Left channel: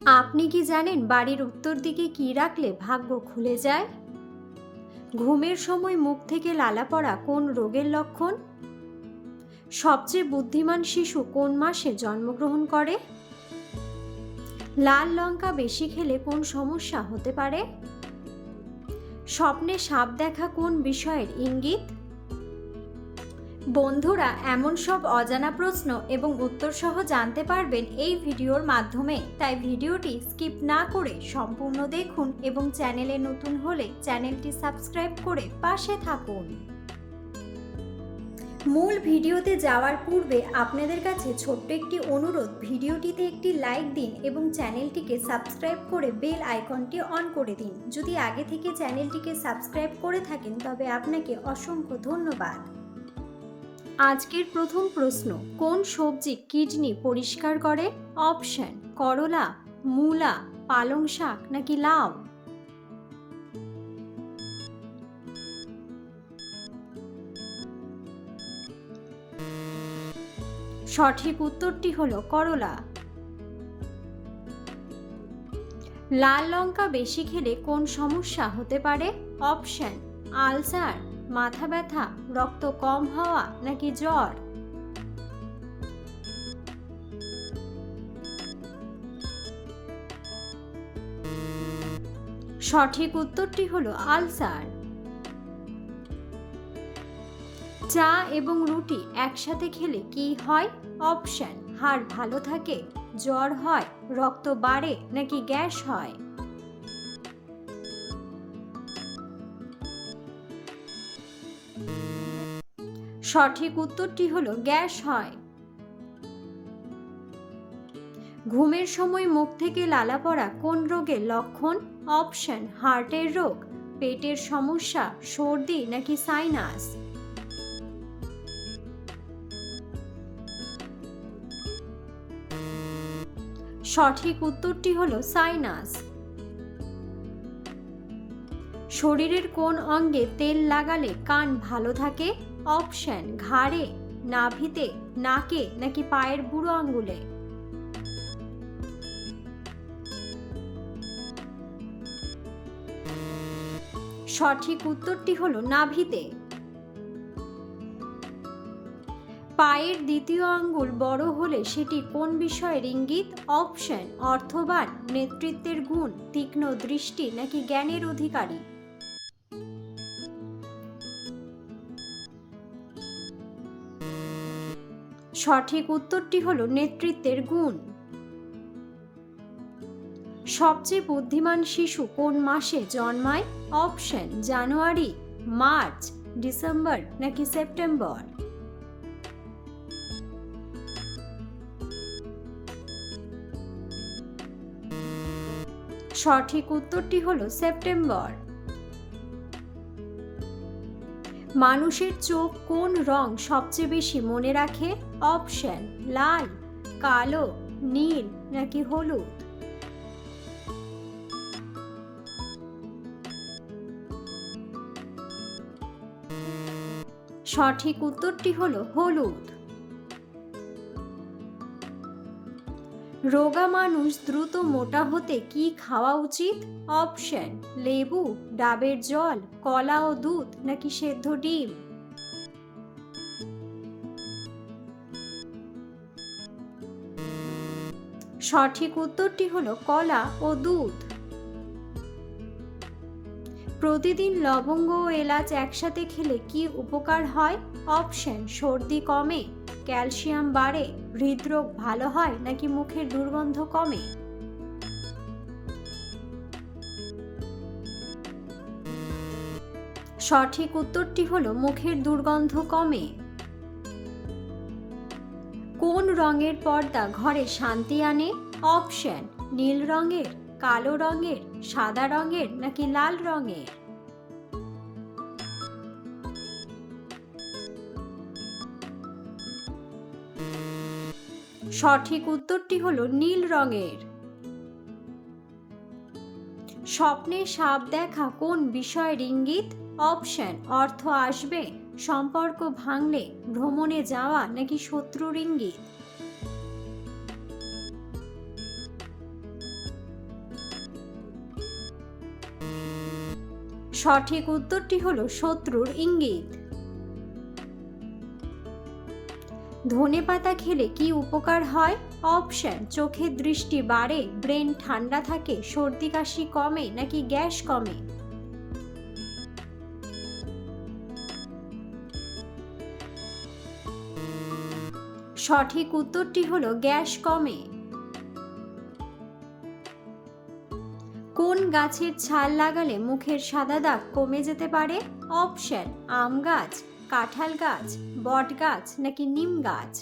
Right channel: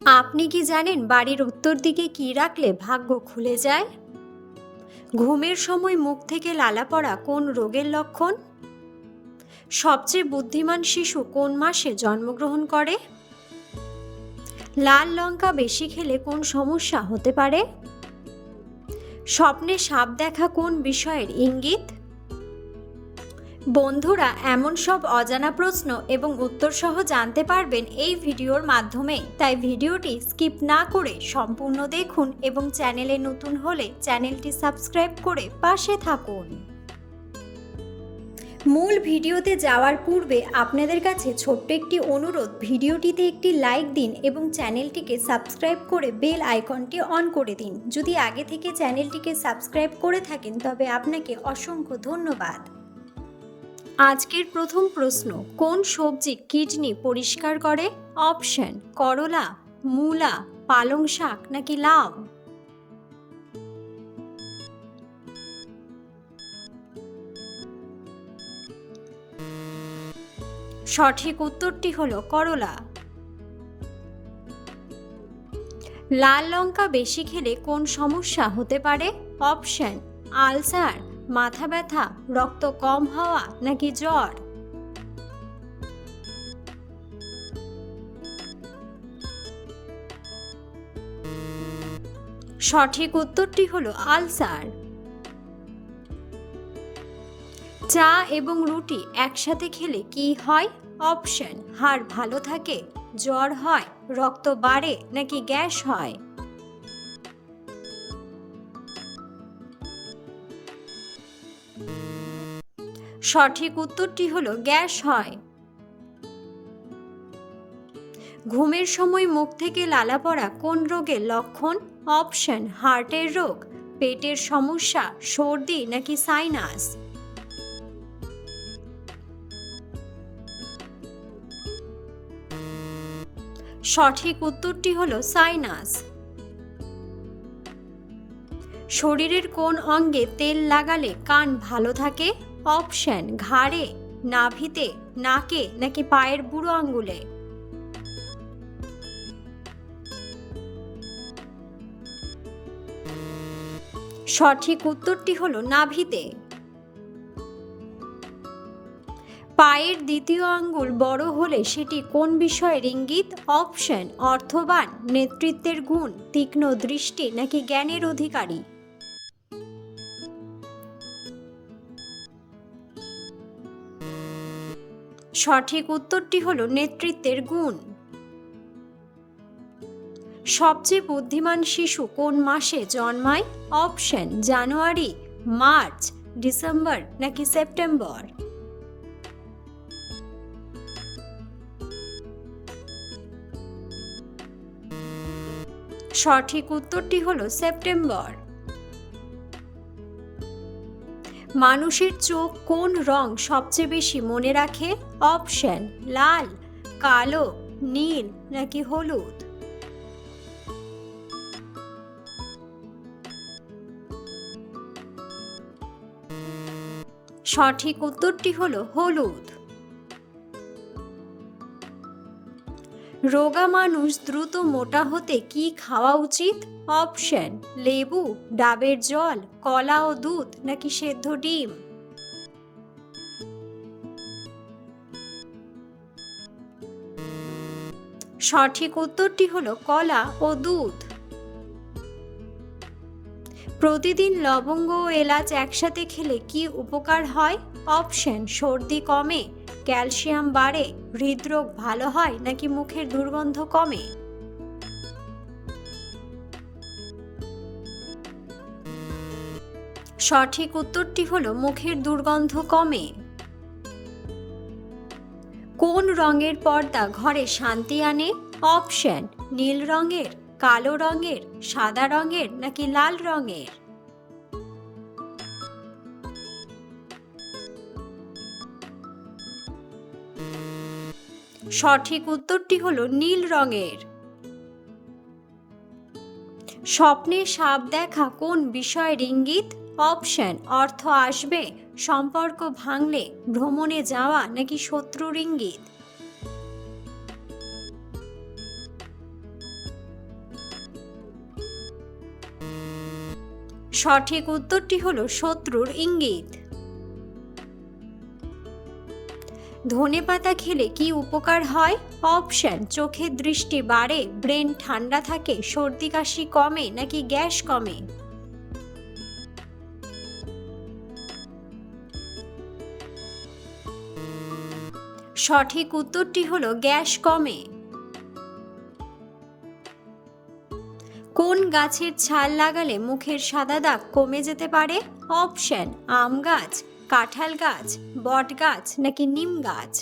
আপনি কি জানেন বাড়ির উত্তর দিকে কি রাখলে ভাগ্য খুলে যায়? ঘুমের সময় মুখ থেকে লালা পড়া কোন রোগের লক্ষণ? সবচেয়ে বুদ্ধিমান শিশু কোন মাসে জন্মগ্রহণ করে? লাল লঙ্কা বেশি খেলে কোন সমস্যা হতে পারে? স্বপ্নে সাপ দেখা কোন বিষয়ের ইঙ্গিত? বন্ধুরা, এমন সব অজানা প্রশ্ন এবং উত্তর সহ জানতে পারবেন এই ভিডিওর মাধ্যমে, তাই ভিডিওটি স্কিপ না করে সম্পূর্ণ দেখুন এবং চ্যানেলে নতুন হলে চ্যানেলটি সাবস্ক্রাইব করে পাশে থাকুন। মূল ভিডিওতে যাওয়ার পূর্বে আপনাদের কাছে ছোট্ট একটি অনুরোধ, ভিডিওটিতে একটি লাইক দিন এবং চ্যানেলটিকে সাবস্ক্রাইব করে বেল আইকনটি অন করে দিন। যদি আগে থেকে চ্যানেলটিকে সাবস্ক্রাইব করে থাকেন তবে আপনাকে অসংখ্য ধন্যবাদ। আজকের প্রথম প্রশ্ন, কোন সবজি কিডনি পরিষ্কার করে? অপশন: করলা, মূলা, পালং শাক নাকি লাউ? সঠিক উত্তরটি হলো করলা। লাল লঙ্কা বেশি খেলে কোন সমস্যা হতে পারে? অপশন: আলসার, মাথা ব্যথা, রক্ত কম হওয়া নাকি জ্বর? সঠিক উত্তরটি হলো আলসার। চা এবং রুটি একসাথে খেলে কি হয়? অপশন: হাড় ভালো থাকে, জ্বর হয়, রক্ত বাড়ে নাকি গ্যাস হয়? সঠিক উত্তরটি হলো গ্যাস হয়। ঘুমের সময় মুখ থেকে লালা পড়া কোন রোগের লক্ষণ? অপশন: হার্টের রোগ, পেটের সমস্যা, সর্দি নাকি সাইনাস? সঠিক উত্তরটি হলো সাইনাস। শরীরের কোন অঙ্গে তেল লাগালে কান ভালো থাকে? অপশন: ঘাড়ে, নাভিতে, নাকে নাকি পায়ের বুড়ো আঙ্গুলে? সঠিক উত্তরটি হলো নাভিতে। পায়ের দ্বিতীয় আঙ্গুল বড় হলে সেটি কোন বিষয়ের ইঙ্গিত? অপশন: অর্থবান, নেতৃত্বের গুণ, তীক্ষ্ণ দৃষ্টি নাকি জ্ঞানের অধিকারী? সঠিক উত্তরটি হলো নেতৃত্বের গুণ। সবচেয়ে বুদ্ধিমান শিশু কোন মাসে জন্মায়? অপশন: জানুয়ারি, মার্চ, ডিসেম্বর নাকি সেপ্টেম্বর? সঠিক উত্তরটি হলো সেপ্টেম্বর। মানুষের চোখ কোন রং সবচেয়ে বেশি মনে রাখে? অপশন: লাল, কালো, নীল নাকি হলুদ? সঠিক উত্তরটি হলো হলুদ। রোগা মানুষ দ্রুত মোটা হতে কি খাওয়া উচিত? অপশন: লেবু, ডাবের জল, কলা ও দুধ নাকি সেদ্ধ ডিম? সঠিক উত্তরটি হলো কলা ও দুধ। প্রতিদিন লবঙ্গ ও এলাচ একসাথে খেলে কি উপকার হয়? অপশন: সর্দি কমে, ক্যালসিয়াম বাড়ে, হৃদরোগ ভালো হয় নাকি মুখের দুর্গন্ধ কমে? সঠিক উত্তরটি হলো মুখের দুর্গন্ধ কমে। কোন রঙের পর্দা ঘরে শান্তি আনে? অপশন: নীল রঙের, কালো রঙের, সাদা রঙের নাকি লাল রঙের? সঠিক উত্তরটি হলো নীল রঙের। স্বপ্নে সাপ দেখা কোন বিষয়ের ইঙ্গিত? অপশন: অর্থ আসবে, সম্পর্ক ভাঙলে, ভ্রমণে যাওয়া নাকি শত্রুর ইঙ্গিত? সঠিক উত্তরটি হলো শত্রুর ইঙ্গিত। ধনেপাতা খেলে কি উপকার হয়? অপশন: চোখের দৃষ্টি বাড়ে, ব্রেন ঠান্ডা থাকে, সর্দি কাশি কমে নাকি গ্যাস কমে। সঠিক উত্তরটি হলো গ্যাস কমে। কোন গাছের ছাল লাগালে মুখের সাদা দাগ কমে যেতে পারে? অপশন: আম গাছ, কাঁঠাল গাছ, বট গাছ নাকি নিম গাছ।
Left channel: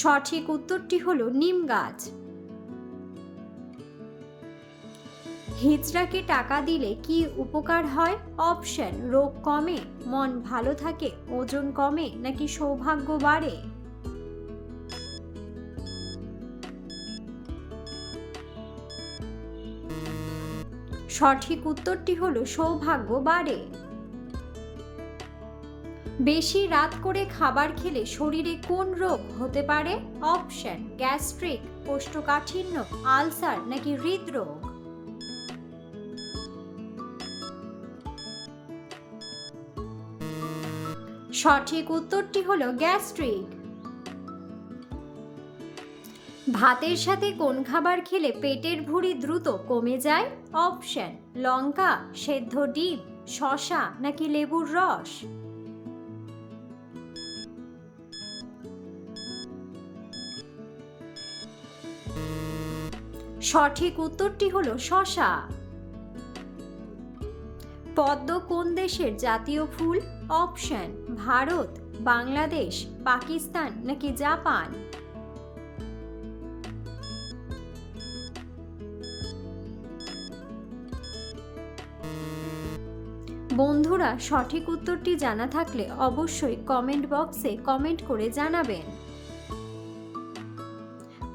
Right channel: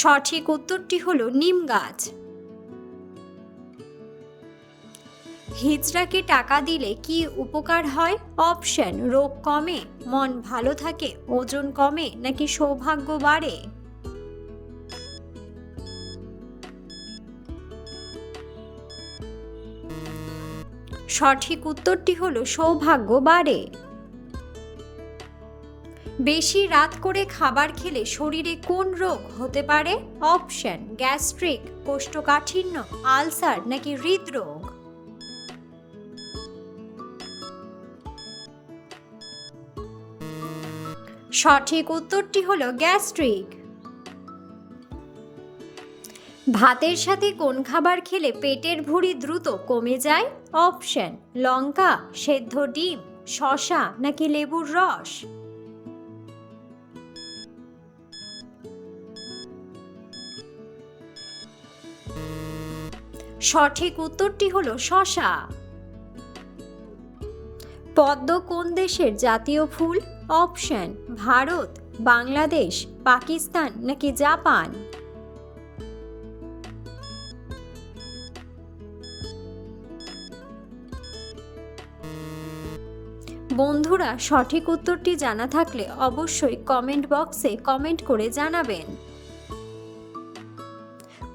সঠিক উত্তরটি হলো নিম গাছ। হিজড়াকে টাকা দিলে কি উপকার হয়? অপশন: রোগ কমে, মন ভালো থাকে, ওজন কমে নাকি সৌভাগ্য বাড়ে। সঠিক উত্তরটি হলো সৌভাগ্য বাড়ে। বেশি রাত করে খাবার খেলে শরীরে কোন রোগ হতে পারে? অপশন: গ্যাস্ট্রিক, কোষ্ঠকাঠিন্য, আলসার নাকি হৃদরোগ। সঠিক উত্তরটি হলো গ্যাস্ট্রিক। ভাতের সাথে কোন খাবার খেলে পেটের ভুঁড়ি দ্রুত কমে যায়? অপশন: লঙ্কা, সেদ্ধ ডিম, শসা নাকি লেবুর রস। সঠিক উত্তরটি হলো শসা। পদ্ম কোন দেশের জাতীয় ফুল? অপশন: ভারত, বাংলাদেশ, পাকিস্তান নাকি জাপান। বন্ধুরা, সঠিক উত্তরটি জানা থাকলে অবশ্যই কমেন্ট বক্সে কমেন্ট করে জানাবেন।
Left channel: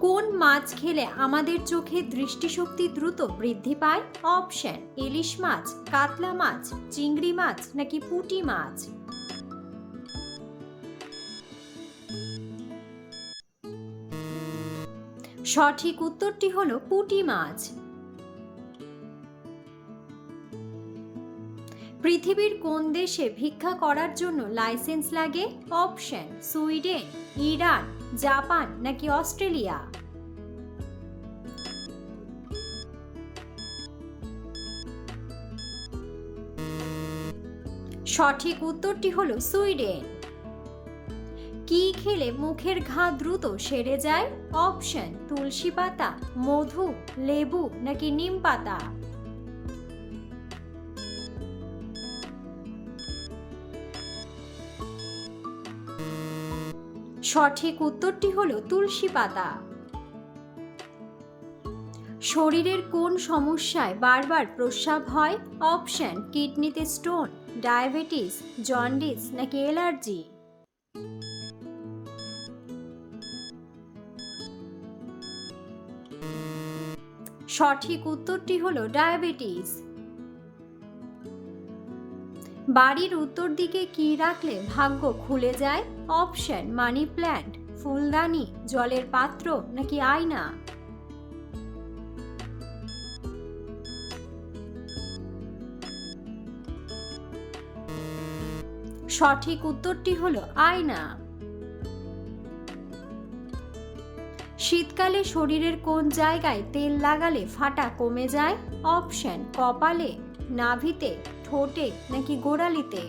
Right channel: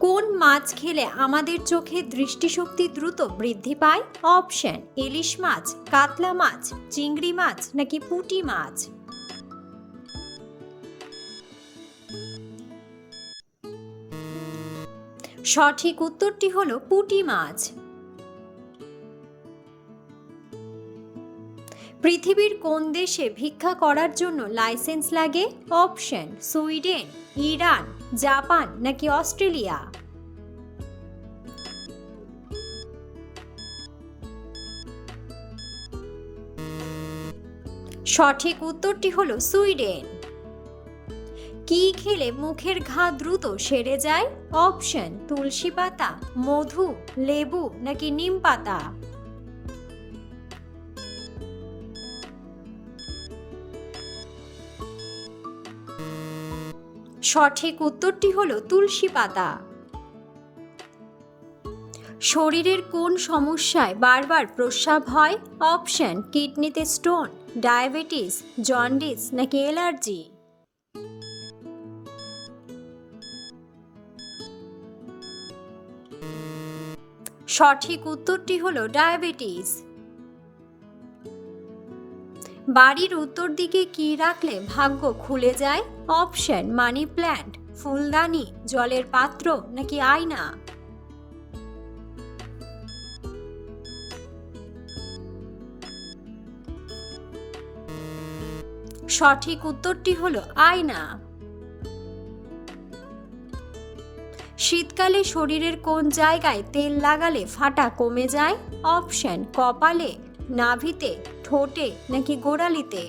কোন মাছ খেলে আমাদের চোখে দৃষ্টিশক্তি দ্রুত বৃদ্ধি পায়? অপশন: ইলিশ মাছ, কাতলা মাছ, চিংড়ি মাছ নাকি পুঁটি মাছ। সঠিক উত্তরটি হলো পুঁটি মাছ। পৃথিবীর কোন দেশে ভিক্ষা করার জন্য লাইসেন্স লাগে? অপশন: সুইডেন, ইরান, জাপান নাকি অস্ট্রেলিয়া। সঠিক উত্তরটি হলো সুইডেন। কি খেলে মুখের ঘা দ্রুত সেরে যায়? অপশন: তুলসী পাতা, মধু, লেবু নাকি নিম পাতা। সঠিক উত্তরটি হলো তুলসী পাতা। শরীরের কোন সমস্যায় বারবার প্রস্রাব হয়? অপশন: কিডনিতে স্টোন, ডায়াবেটিস, জন্ডিস নাকি অ্যালার্জি। সঠিক উত্তরটি হলো ডায়াবেটিস। বাড়ির উত্তর দিকে কি রাখলে ভাগ্য খুলে যায়? অপশন: মানি প্ল্যান্ট, ফুলদানি, জলের পাত্র নাকি আয়না। সঠিক উত্তরটি হলো আয়না। শীতকালে শরীরের কোন জায়গায় তেল লাগালে ফাটা কমে যায়? অপশন: কপালে, নাভিতে, ঠোঁটে নাকি গোড়ালিতে।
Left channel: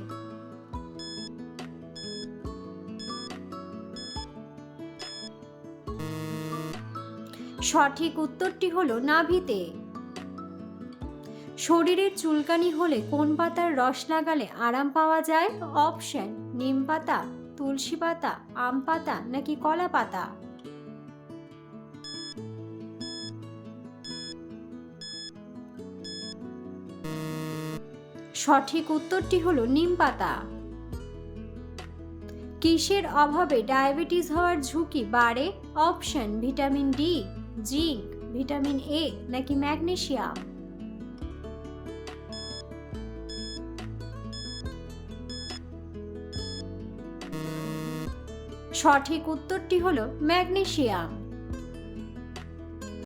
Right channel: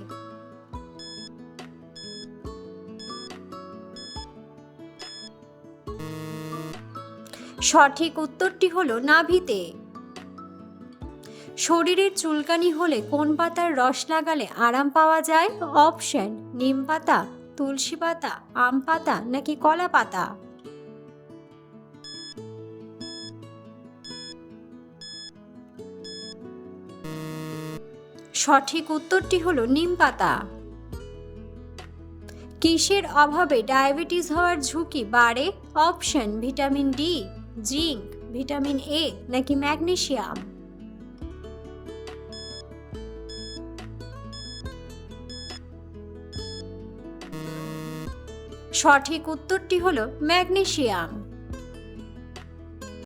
সঠিক উত্তরটি হলো নাভিতে। শরীরের চুলকানি হলে কোন পাতার রস লাগালে আরাম পাওয়া যায়? অপশন: নিম পাতা, তুলসী পাতা, আম পাতা নাকি কলা পাতা। সঠিক উত্তরটি হলো নিম পাতা। কিসের অভাবে ডায়াবেটিস হওয়ার ঝুঁকি বাড়ে? Option: vitamin D, zinc, vitamin A নাকি ম্যাগনেসিয়াম। সঠিক উত্তরটি হলো ম্যাগনেসিয়াম।